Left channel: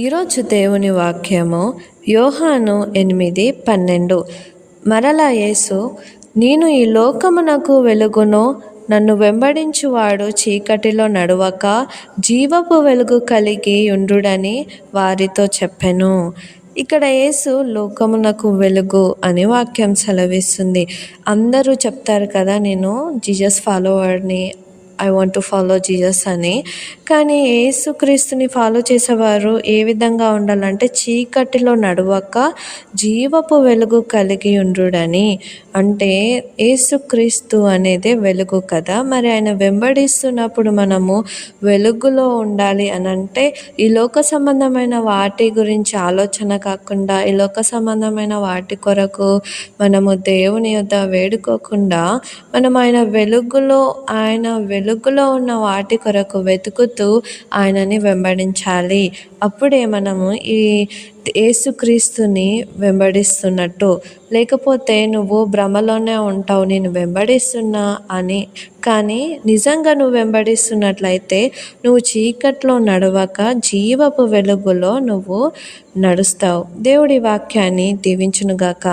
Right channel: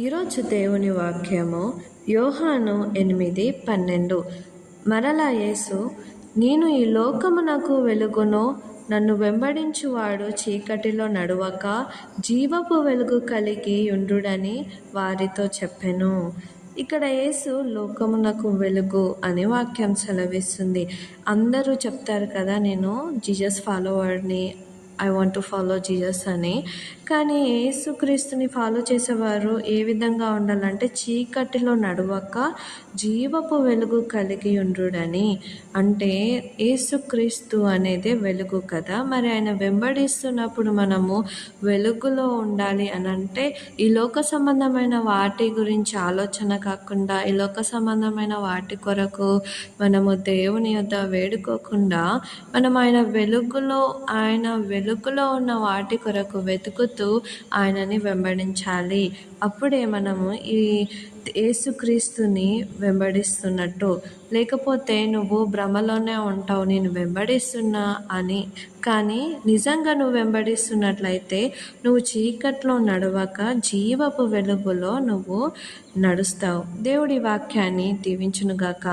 ఈరోజు దేవుని వాక్యము యోహాను 8:12. మరలా యేసు, నేను ఈ లోకమునకు వెలుగును, నన్ను వెంబడించువాడు చీకటిలో నడవక జీవపు వెలుగు కలిగి ఉండుడని వారితో చెప్పెను. ఇక్కడ యేసు లోకమునకు వెలుగు అని వాక్యం సెలవిస్తుంది. అందరూ చెప్తారు కదా, నేను జీసస్ ఫాలోవర్ని, I want to follow Jesus అని. కానీ యేసుక్రీస్తుని ఫాలో చేసేవారు ఏ విధంగా ఉండాలంటే చీకటిలో నడవక జీవపు వెలుగు కలిగి ఉండుడని. అంటే యేసుక్రీస్తు అనేది వెలుగు కదా, మరి ఆయన వెంబడిస్తున్నప్పుడు మనము వెలుగులో ఉండాలి అని అంటే ఈ లోక సంబంధమైన వాటి గురించి ఆలోచన కాకుండా, ఈ లోక సంబంధమైన వాటి కొరకు మనము దేవుని యొద్ద వేడుకోకుండా మనం ఆయన వెలుగులో ఉన్న వాటి కొరకు వెతుకుతూ ఆయనని వెంబడించాలి. అప్పుడే మనము ఈ యేసుక్రీస్తుని వెంబడిస్తున్నట్టు. లేకపోతే నువ్వు భ్రమలోనే ఉంటావు, నేను వెంబడిస్తున్నా అని. కానీ నిజంగా నువ్వు వెంబడిస్తున్నట్లయితే నువ్వు చీకట్లో నడవక జీవపు వెలుగులో నువ్వు నడుస్తావు. దేవుడి వాక్యాన్ని దీవించునుగాక.